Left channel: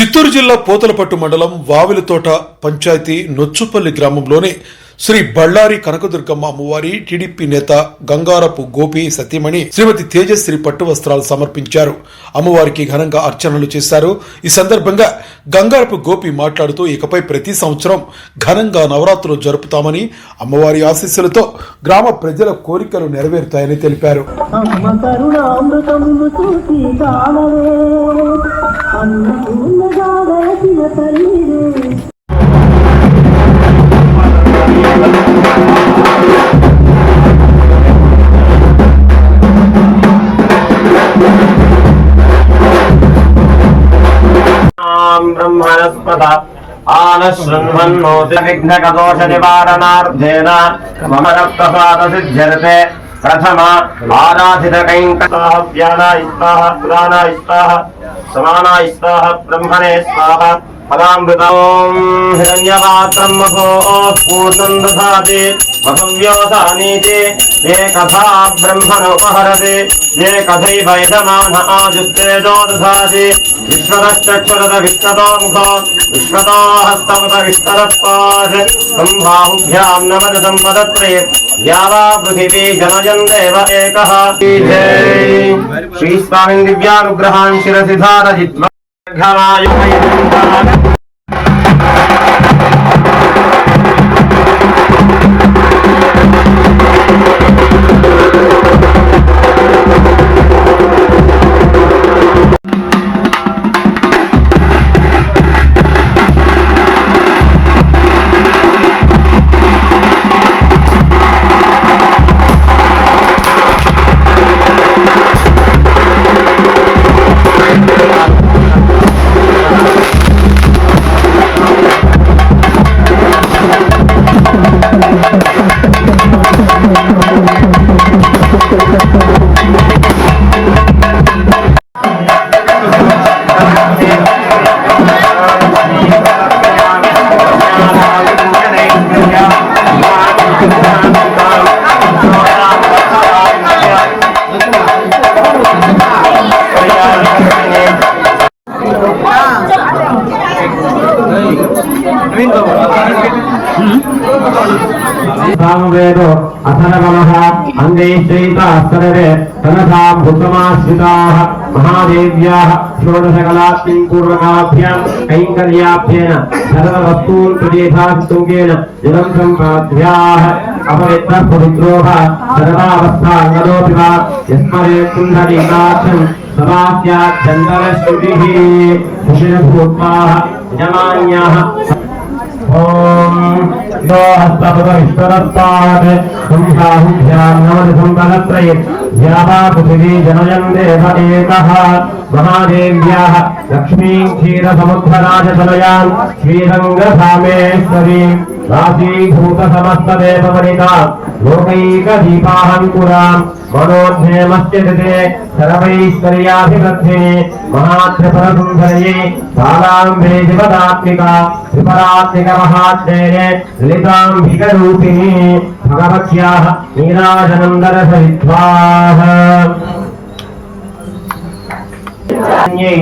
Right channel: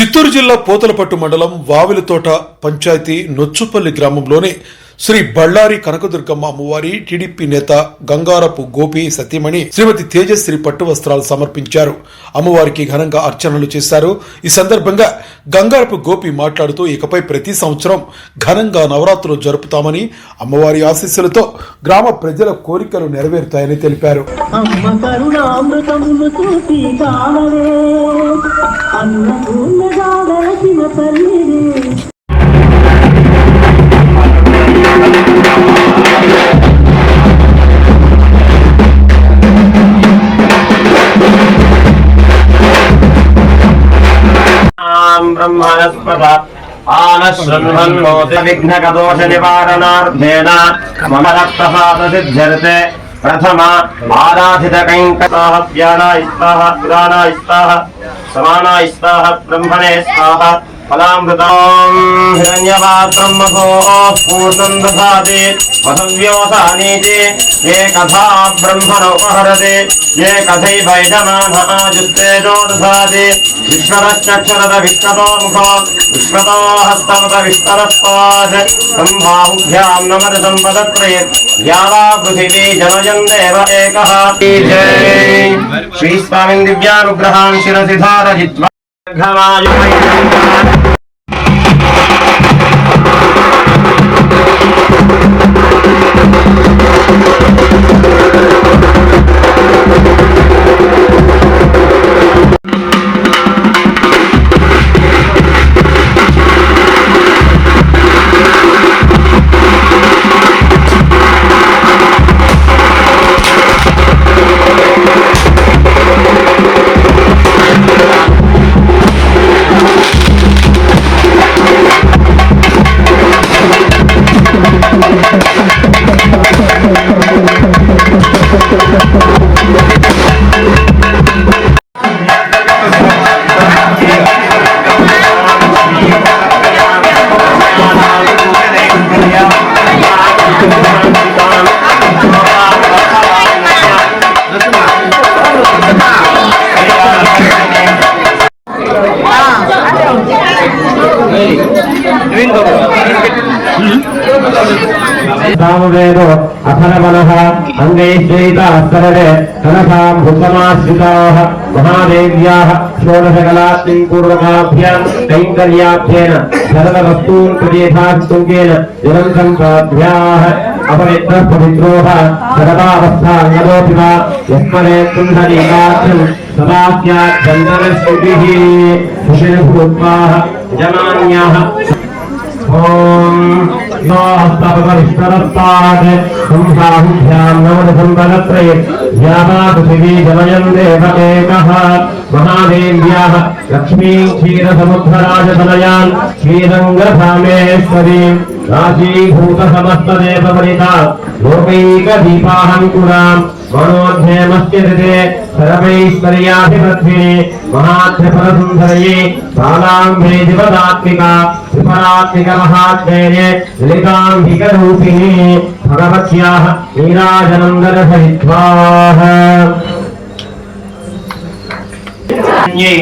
చిత్తూరు జిల్లా పోతలపట్టు మండలం వావిలతోట పంచాయతీ నొచ్చుపల్లి గ్రామంలోని శ్రీ బళ్ళారి కనకదుర్గమ్మ అమ్మవారి టీడీపీ నేత గంగారపు గోపి సతీమణి శ్రీమతి తేజశ్రీ పట్టు వస్త్రాలు సమర్పించారు. అమ్మవారికి ఘనంగా అర్చనలు చేశారు. ఈ సందర్భంగా గంగారపు గోపి మాట్లాడుతూ ఇకపై ప్రతి సంవత్సరం ఘనంగా నవరాత్రులు జరుపుతామని, అమ్మవారి ఆశీస్సులతో గ్రామ ప్రజల కోరికలు నెరవేరుతాయని తెలిపారు. ब्रह्मणस्पद आनशृण्वन्नोति विघ्नकदोष निवारणार्थेन मम रक्तसादसिद्ध्यर्थे प्रथम आराधित कैङ्कताः व्यानाय स्वाहा पुराणाय स्वाहा समानाय स्वाहा ब्रह्मणे स्वाहा फलामृतं हिरण्यपात्रं मधो पूर्णं दधाति वधव्योऽसानीति ये कथा ब्रह्मणोपहरति ये कथैवैदमान आजुस्तेजो दधाति विश्वतश्चक्षुरत विश्वतो मुखो विश्वतो हस्तवत विश्वतस्पाद सम्बाहुभ्यां नमः सम्पदत्रे यावा पृथिवी जनयन् देव एकः श्रीस्वामिन् दिव्यानुग्रहान् शिरसि धारयित्वा सामवेदो अथनमनः अंगैश्चैतास्तरवे तनसां भूतमाश्रिताः महादेव्याः षोडशकलात्पूर्वकाभ्यां कैङ्कर्याभ्येन सर्ववस्तून् प्रदेशास्तुङ्गेन जलं सम्प्राध्याः अपवित्रः पवित्रोः सर्वावस्थाङ्गदोऽपि वा यस्मरे कुण्डलीकाख्यं सदा स्यात् चन्दनश्रुतिः सुशिरभूत्वाः यजमान्याः ओम यो हस्तपदविश्वरस्तात् संसाहुभ्यां नमः सम्पदत्रये यावा पृथिवी जनयन् देव एकः महादेव्याः लक्ष्मीं क्षीरसमुद्रराजतनयां श्रीरङ्गधामेश्वरीं राशीभूतसमस्तदेववनिता लोकैकदीपाहङ्कुरां मनोध्येमश्चिरिते सर्वैश्वर्याभिवृद्धिने महात्रिपुरसुन्दर्ये सालाम्बे दिवदात्मिका त्रिपरात्मिकमहात्मेये ललिताम्बिकरूपिणी भगवत्याः नीराजनन्दरसहित्वाः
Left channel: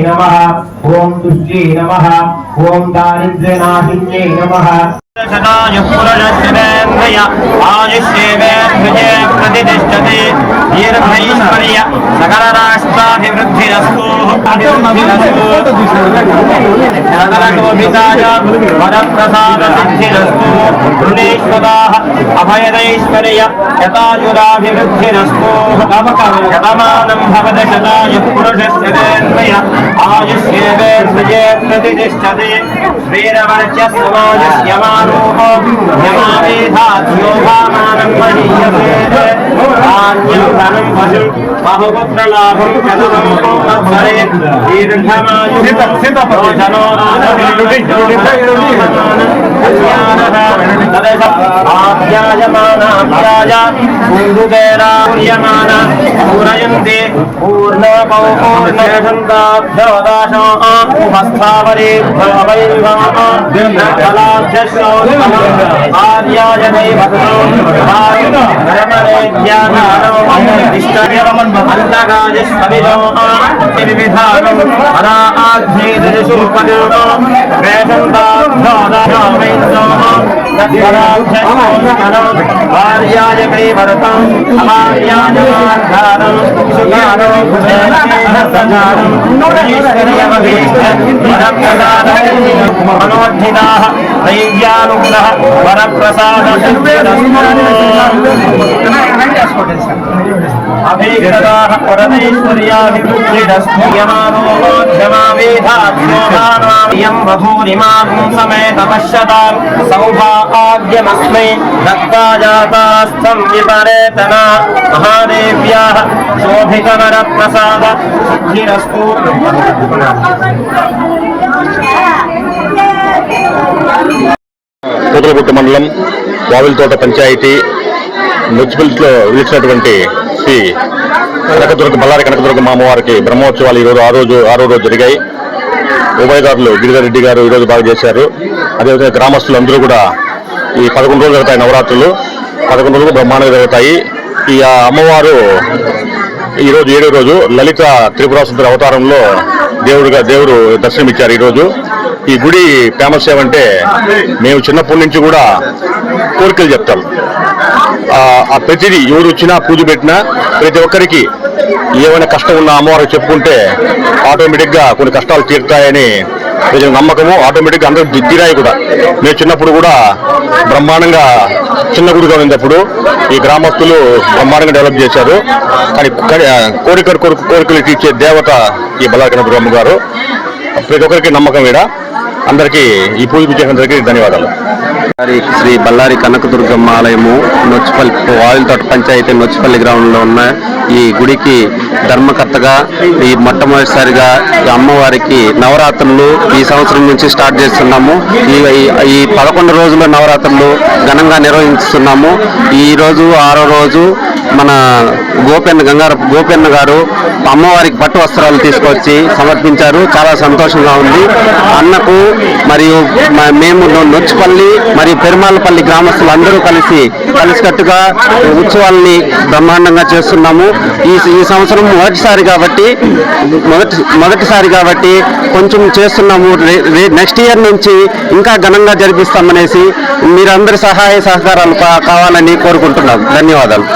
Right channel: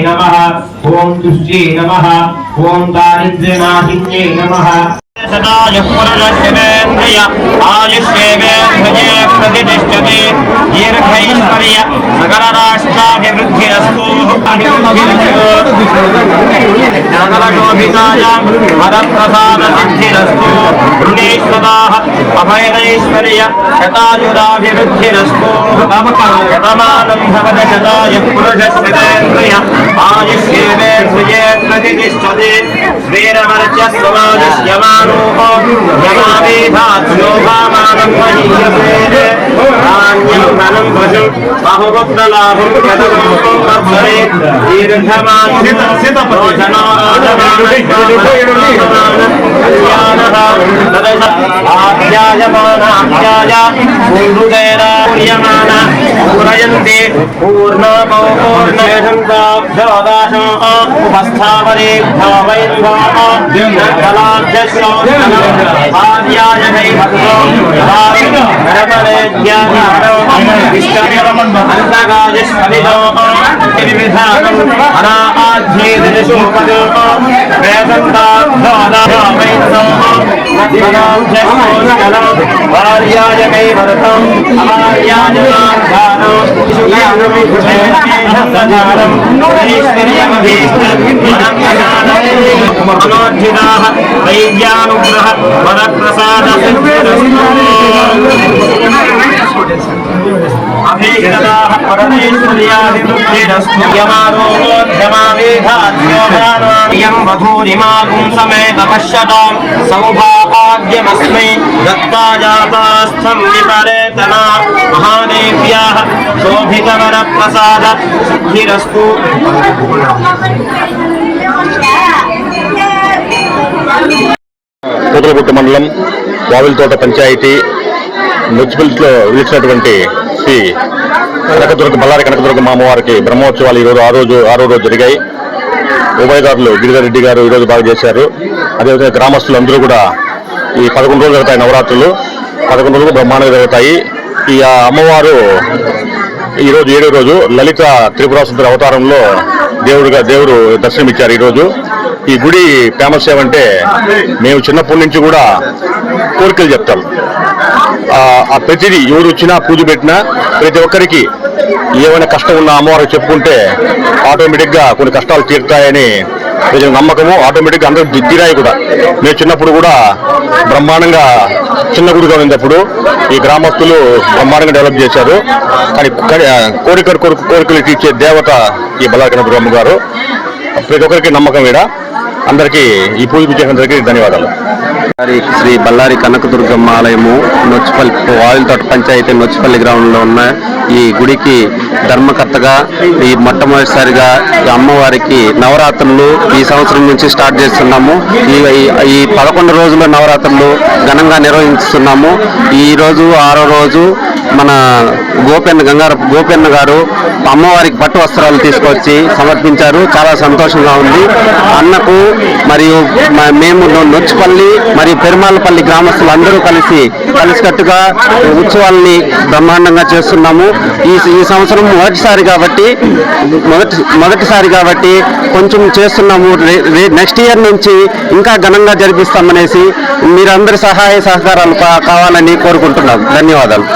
नमः ओम तुष्टि नमः ओम दारिद्र्यनाशिन्यै नमः सदाय पुरजस्येन्द्रिय आयुष्येवेन्द्रिये प्रतिष्ठते दीर्घैश्वर्य सकलराष्ट्राभिवृद्धिरस्तु सकलशोभितायां वरप्रसादसिद्धिरस्तु ऋणेश्वराः अभयदैश्वर्य शतायुराभिवृद्धिरस्तु शतमानं भवत शताय पुरुषस्येन्द्रिय आयुष्येवेन्द्रिये प्रतिष्ठते वीरवर्चस्वमादस्यमान् यमावेधात्योभामानं महीयते धान्यं धनं भजं बहुपुत्रलाभं कदमोपभरे दीर्घमायुः आप्यायमानाप्याय पूर्णतेरायमान पूरयन्ति पूर्णपौर्णयशन्ताभ्योदाशो उपस्थापने भावैर्भाव्यश्रोत्तमार्याय ैवन्तकायस्पदितो विविधानम् अनाध्येदशूपदो भार्याय कैवरतम् अमार्याय मार्गानम् सुगानम् मनोद्धिताः वैद्यानुग्रह वरप्रसाद अभिगताः परमेश्वर्याभिमुखिरस्तुयमारोग्यमावेधाद्योगानां वधूरिमागुं समेत पश्यतां सौभाग्यमस्मै दत्ता जातास्थं विपरेतना महादेव्याः शोभितवरप्रसाद सिद्धिरस्तु। పూతలగుట్ట మండలం వావిలతోట పంచాయతీ మున్సిపల్స్లో విధించినటువంటి శ్రీ బళ్ళారి కనకదుర్గమ్మ అమ్మవారికి బ్రహ్మోత్సవాలు ఈరోజు ఆరో రోజు జరిగాయి. ఉభయదారులు గిరిధర్రెడ్డి గారు ఈరోజు బాగా చేశారు. అదేవిధంగా గ్రామస్తులు అందరూ కూడా ఈ 11 రోజులు జరుగుతాయి నవరాత్రులు. 11 రోజులు బ్రహ్మాండంగా జరుగుతాయి. ఈ అమ్మవారు ఈరోజు 7వ రోజు లలిత త్రిపురాసుందరి అవతారంలో దేవుడు దర్శనమిచ్చారు. ఈరోజు ఈ గుడి ఫేమస్ ఏమంటే మేము చిన్నప్పటి నుంచి కూడా కోరికలు చెప్తాం. ఆ ప్రతిదీ ఎవరు వచ్చినా పూజ పెట్టినా ప్రతి ఒక్కరికి ఏమైనా కష్టం ఉన్న అమ్మవారికి చెప్పుకుంటే ఆటోమేటిక్గా కొన్ని కష్టాలు తీరుతాయని ప్రజల నమ్మకము. ఆటోమేటిక్గా అందరూ తీరాయి కూడా. మేము చిన్నప్పుడు కూడా బ్రహ్మాండంగా చిన్న గుడిగా ఉన్నప్పుడు ఈ గ్రామస్తులు బ్రహ్మాండంగా డెవలప్ చేశారు. కానీ కోరికలు తీర్చే దేవత ఈ బళ్ళారి కనకదుర్గమ్మ గారు. ప్రతి ఒక్కరికి నమ్మకం ఈడ. అందరికీ ఈ పూజ చేసినందరికీ ధన్యవాదాలు. శ్రీ బళ్ళారి కనకదుర్గమ్మ ఆలయము నొచ్చిపల్లి వావిలతోట పంచాయతీ నొచ్చిపల్లి గ్రామంలో ఉన్న ఈ గుడికి ధర్మకర్తగా ఈ మొట్టమొదటిసారిగా అమ్మవారికి నవరాత్రులు ఈ సంవత్సరం నుంచి స్టార్ట్ చేస్తున్నాము. ఈ 11 రోజుల నవరాత్రులు ఘనంగా నిర్వహిస్తున్నాము. ఈ రోజు 6వ రోజు మన గంగారపు గోపెన్న గారు అమ్మవారికి పట్టు వస్త్రాలు తీసుకొచ్చి సమర్పించారు. చాలా సంతోషంగా ఉంది. అన్నకు మరియు మేము నొచ్చిపల్లి మరియు పెరుమాలపల్లి గ్రామస్తులు అందరూ కలిసికట్టుగా ఉత్సవాలని బ్రహ్మాండంగా చేస్తున్నాము. ఈ సంవత్సరం మొదటిసారి కాబట్టి కొంచెం చేస్తున్నాము. నెక్స్ట్ ఇయర్ నుంచి ఇంకా ఘనంగా జరిపిస్తామనేసి మీరందరి సహాయ సహకారాలు కావాలని కోరుకుంటున్నాం. ధన్యవాదాలు.